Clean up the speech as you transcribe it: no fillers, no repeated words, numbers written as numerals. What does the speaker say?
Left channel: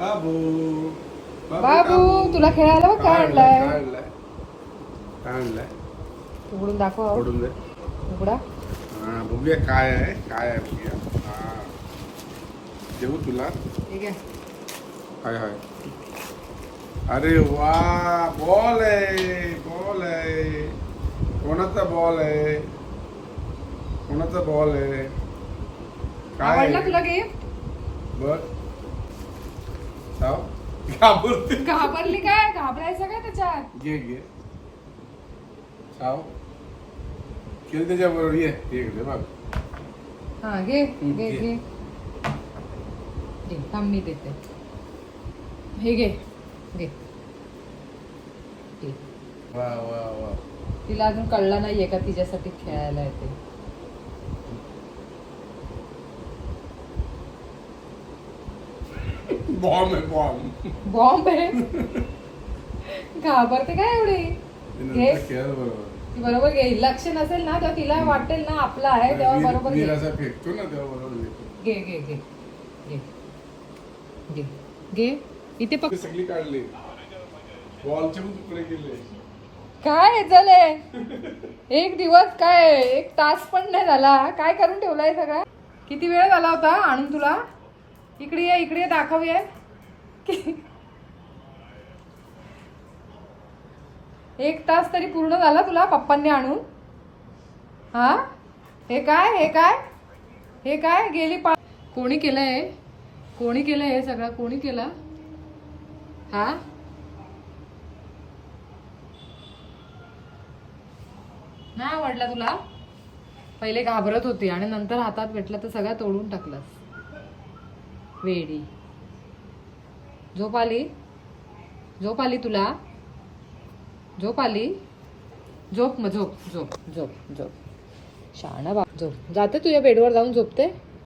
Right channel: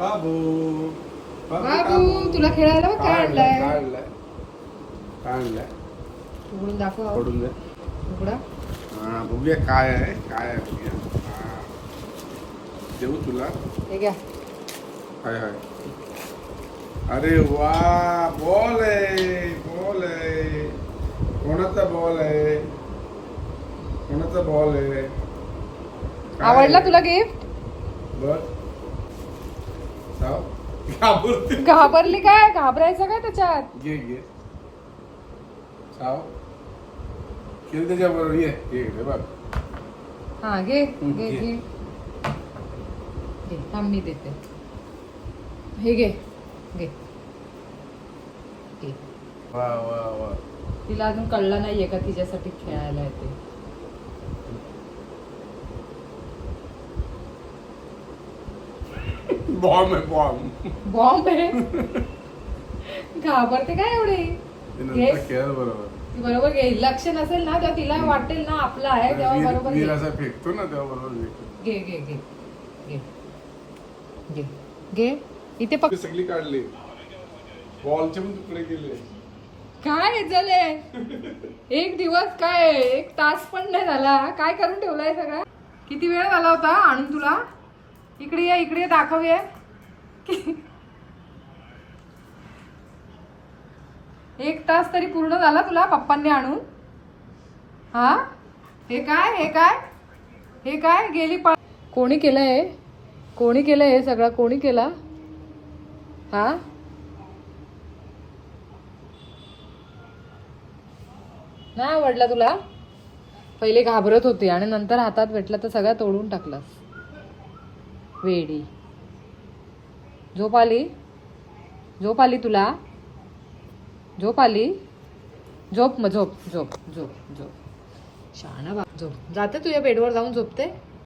बाबू बाबू तुला खेळायला बघ काय आणलाय. काय आणलाय उघडून दाखव. पडून दे. उघडा. हा बघूया काय आहे बघूया. हा देऊ तुला. हे घ्या. हाय हाय. अरे वा बॉल आहे कोणाचा बॉल आहे काय आवडला आहे? तुला गिफ्ट. बघ घाबरली काय. घाबरायचं काय त्याच्यात. घे साव खेळ त्याच्या बरोबर ये बघ. हा घे घे. घे थांब मी देते. हे घे. वा वा वा. तिला अजून कळलं नाहीये का तिच्यासाठी खेळायला येते. बॉम्ब आहे बॉम्ब आहे. घाबरते काय एवढी. घे. खेळ बरोबर. ती बरोबर घे. लक्ष नसेल ना तेव्हा तिला वाटेल ना आपला आहे तेव्हा बरोबर घे. असा फेकतो ना तेव्हा बरोबर घे घे घे घे घे घे. इथे पक. सगळी काढली बॉलचे पण तुकडे गेले. काय झालंय. एक दिवस काय 1 तास पण नाही झाला. काय करून ठेवलाय सगळा. किती वेळ झाला होता आणून तुला. इकडे दाखवूया. 1 तास तरी पूर्ण झाला तुला पप्पांनी आणून. हा हे काय गेली कोणी केलंय हे सगळं. कोणी केला. हा नाही आवडला तुला. पहिले घाबरत होती आणि नंतर हातात भेटला तर सगळं तोडून टाकलास. वेडी. झोप आली तुला. झोप मग झोप. शहाणा बाप. झोप. जाते तुझ्या बेडवर जाऊन झोपते.